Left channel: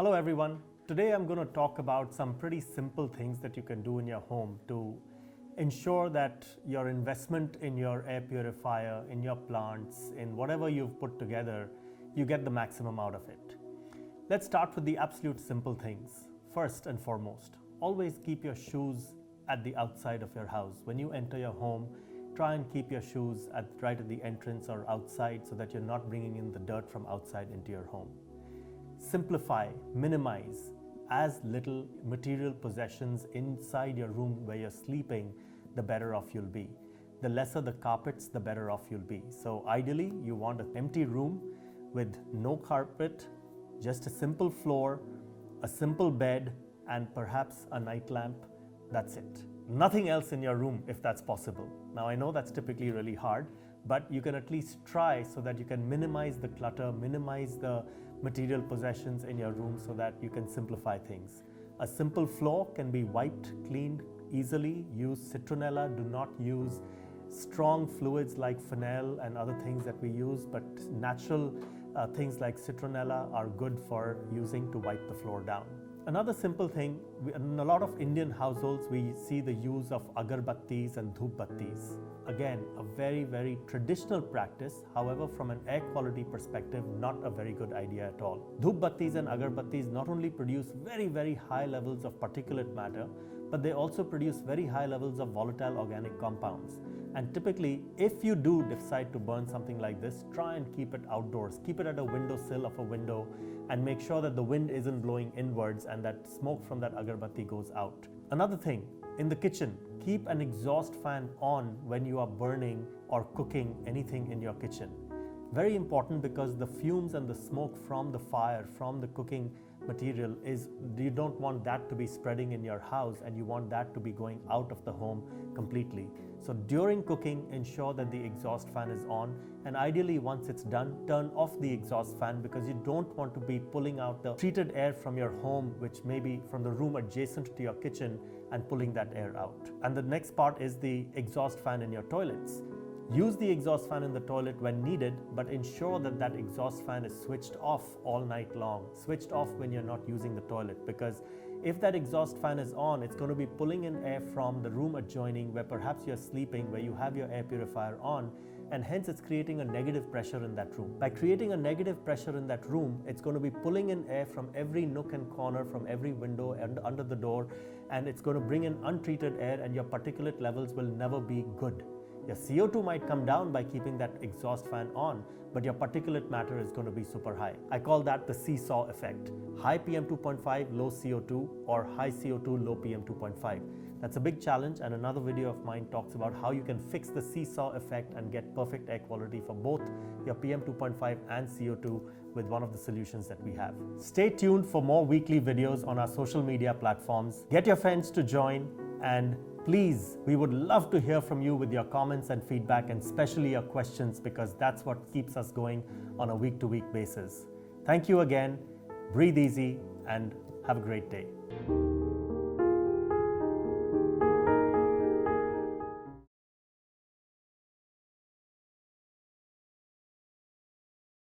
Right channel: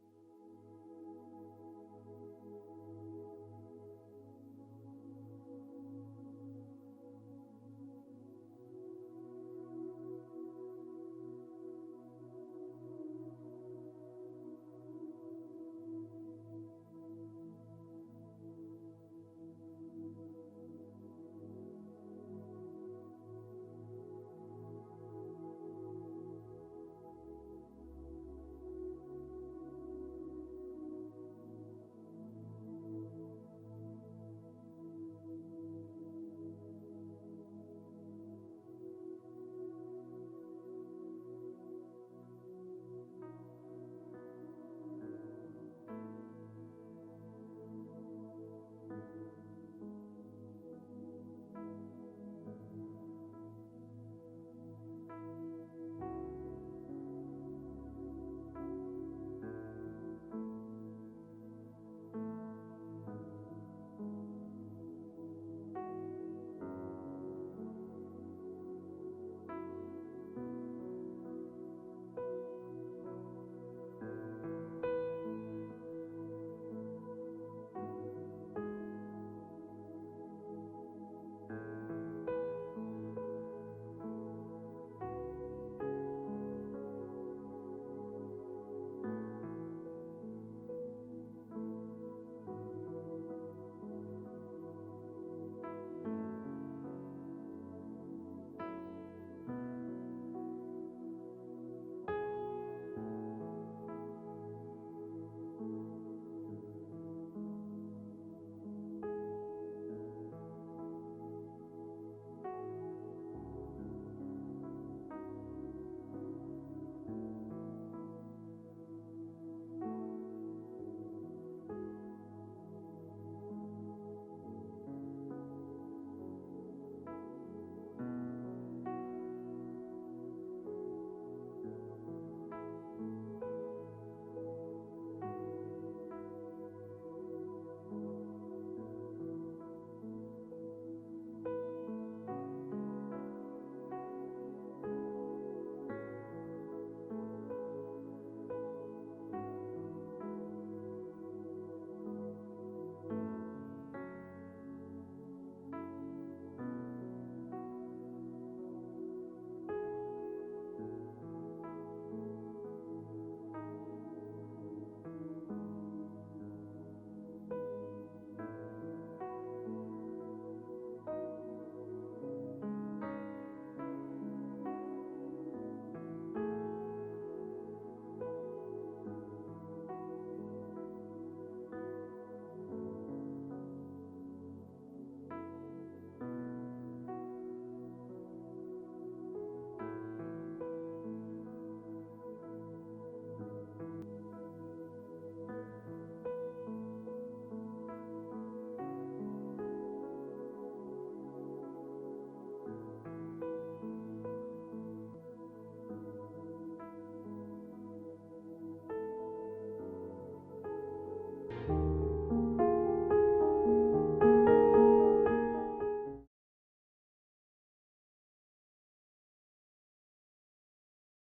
Hello everyone. Today I'm going to talk about some pretty simple things that you can do in your home to ensure that your investment in your air purifier, in your plants, in whatever you've put together, you get the maximum out of it. Let's start with the absolute simple things. First and foremost, always keep your shoes at the outside of your house. When you enter your home, try and keep your shoes right at the entrance or outside so that you're not bringing in the dirt from outside into your home. Simplify, minimize as little material possessions inside your room where you're sleeping, the better off you'll be. The lesser the carpets, the better off you'll be. So ideally, you want an empty room with no carpet, just a simple floor, a simple bed, and perhaps a night lamp. That's it. Nothing else in your room if that's possible. Now I know that's typically really hard, but you can at least try so that you can minimize the clutter, minimize the material possessions in your room so that you can simplify things. A simple floor can be wiped, cleaned easily. Use citronella. Do not use strong fluids like phenol and other things that we use, but natural things like citronella are good for using to wipe the floor down. Another simple thing, in a lot of Indian households, we see the use of agarbattis and dhoop battis. Again, a very, very traditional practice. However, from an air quality perspective, not a very good idea at all. Dhoop battis and agarbattis not only produce very, very high levels of particulate matter, but they also produce very high levels of volatile organic compounds. And typically, if you do decide to burn something like this, try and keep it outdoors. Keep it at a windowsill of a window and make sure that the wind isn't blowing inwards and that smoke from that agarbatti goes out. Another thing, in the kitchen, keep an exhaust fan on when you are burning or cooking anything in your kitchen. Very important, because the fumes and the smoke from the fire, from the cooking material, you don't want that to be spreading in your house, and you want that to be going out of the home completely. So during cooking, ensure that the exhaust fan is on, and ideally once it's done, turn off the exhaust fan, because you don't want to be pulling out the treated air from your home, which may be from the room adjacent to your kitchen, and pulling that air out. And the next part is the exhaust fan in your toilets. Use the exhaust fan in the toilet when needed, but ensure that that exhaust fan is switched off all night long. Switched off when you're not using the toilet, because if that exhaust fan is on, it's going to be pulling in air from the room adjoining where perhaps you're sleeping, where you have your air purifier on, and hence it's creating a negative pressure in that room. By creating a negative pressure in that room, it's going to be pulling in air from every nook and corner, from every window and under the door, and it's going to bring in untreated air, and your particulate levels will never be good. Your CO2 might come down by keeping that exhaust fan on, but your particulate matter is going to be super high. I call that the seesaw effect. High PM 2.5, low CO2, or high CO2, low PM 2.5. That's a big challenge, and another video of mine talks about how you can fix the seesaw effect and get perfect air quality for both your PM 2.5 and CO2 with one of the solutions that we have. Stay tuned for more weekly videos on our social media platforms. Get your friends to join, and please, we would love to hear from you with your comments and feedback, and especially your questions, because that's what keeps us going on a week-to-week basis. Thank you again. Breathe easy and have a great day.